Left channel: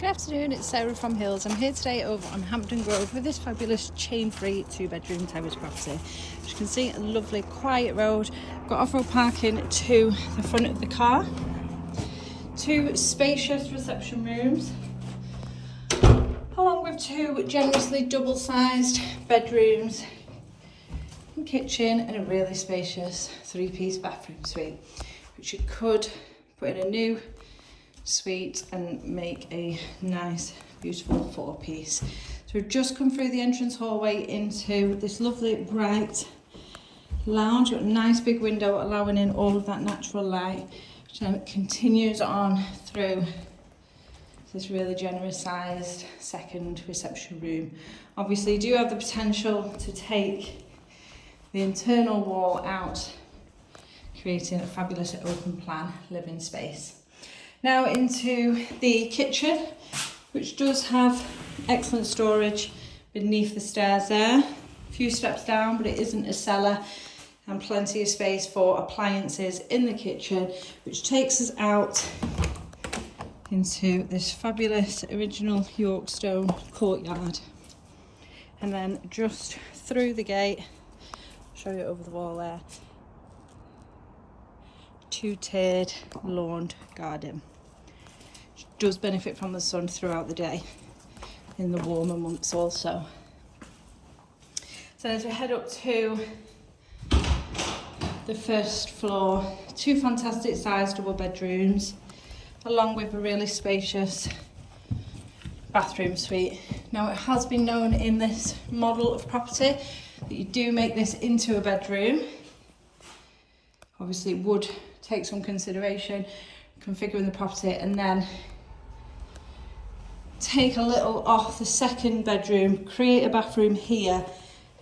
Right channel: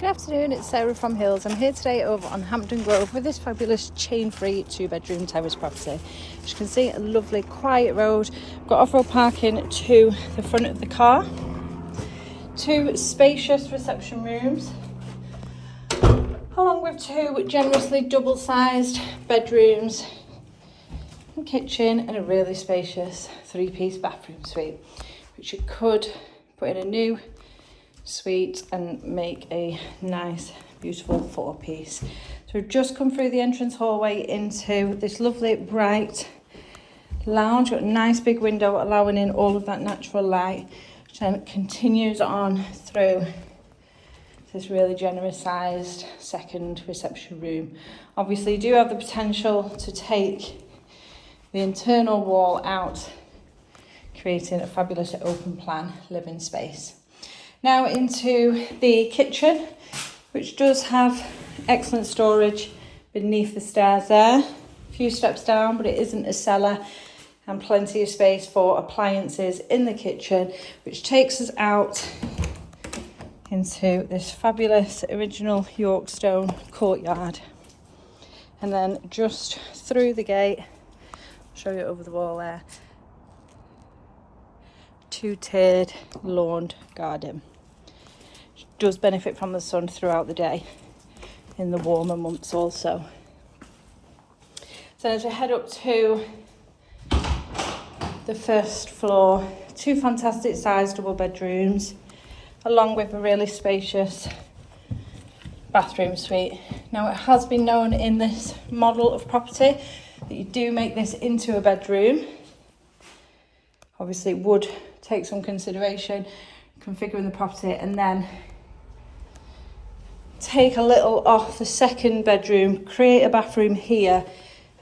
Good afternoon, it's Sarah from Hills. I'm here today over on Hampden Grove with this fabulous chain-free 2-bedroom terrace property. As you can see, a lovely quiet road, got off-road parking to the front of the car, 2 spacious reception rooms, along with 2 generously double-sized bedrooms, a kitchen and a really spacious 3-piece bathroom suite, which you could put in a new suite and make a nice beautiful 4-piece. So we've just come through the entrance hallway into this lovely bright lounge. Got a nice big window allowing in all of that natural light, which then continues on through this really generous sized second reception room. Obviously you do have the potential to take the internal wall out, creating a fabulous open plan living space. Now into the kitchen, which does have excellent storage beneath the stairs there. A few steps down, but it isn't a cellar, and plenty of space for appliances in the kitchen, which takes us out into this fabulous original York stone courtyard. And then just through the gate, I'll show you over the wall there, 2-tiered lawned garden. Does benefit from the sun throughout the day in the warmer months also. So as we head up to the first floor, 2 fantastic sized double bedrooms along with a really spacious bathroom suite. Now it has been known in this model of property that you do make this into a bedroom. Obviously it would take some consideration configuring the property and then take a little off the second bedroom, create a bathroom here,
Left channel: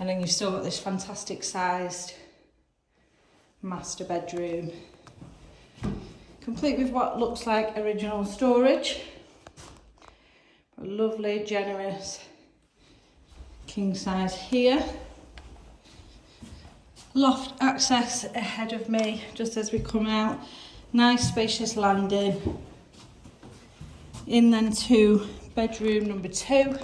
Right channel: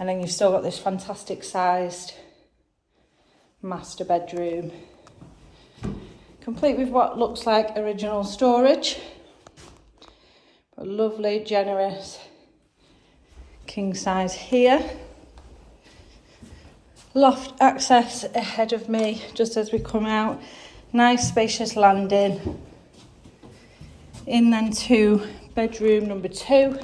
and then you've still got this fantastic sized master bedroom, complete with what looks like original storage. A lovely generous king size here, loft access ahead of me just as we come out, nice spacious landing, in then to bedroom number 2.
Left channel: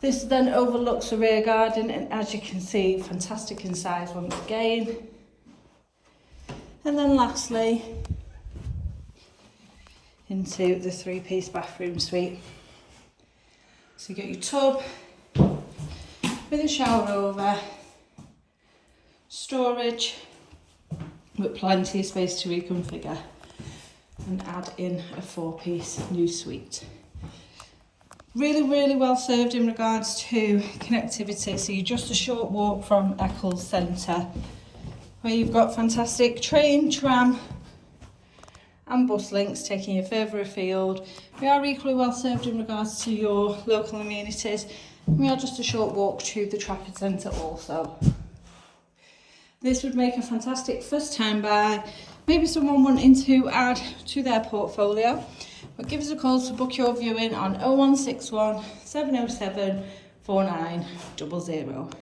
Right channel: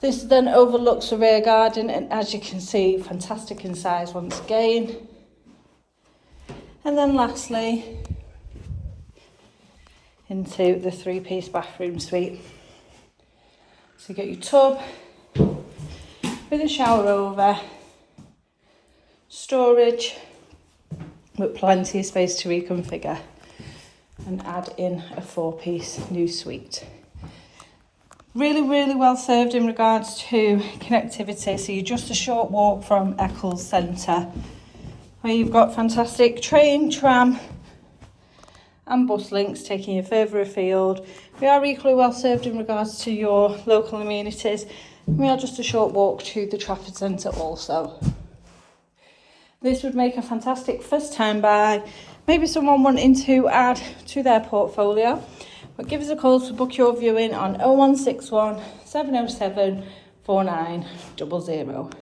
This then overlooks the rear garden, and as you can see, fantastic in size once again. And then lastly, into the 3-piece bathroom suite. So you get your tub with a shower over, storage with plenty of space to reconfigure, and add in a 4-piece new suite. Really well served in regards to connectivity. So you're just a short walk from Eccles centre, where you've got fantastic train, tram and bus links taking you further afield. We are equally well served in regards to your local amenities. We are just a short walk to the Trafford Centre also. This would make a fantastic first time buy, maybe someone wanting to add to their portfolio. But give us a call to book your viewing on 0161 707 4900.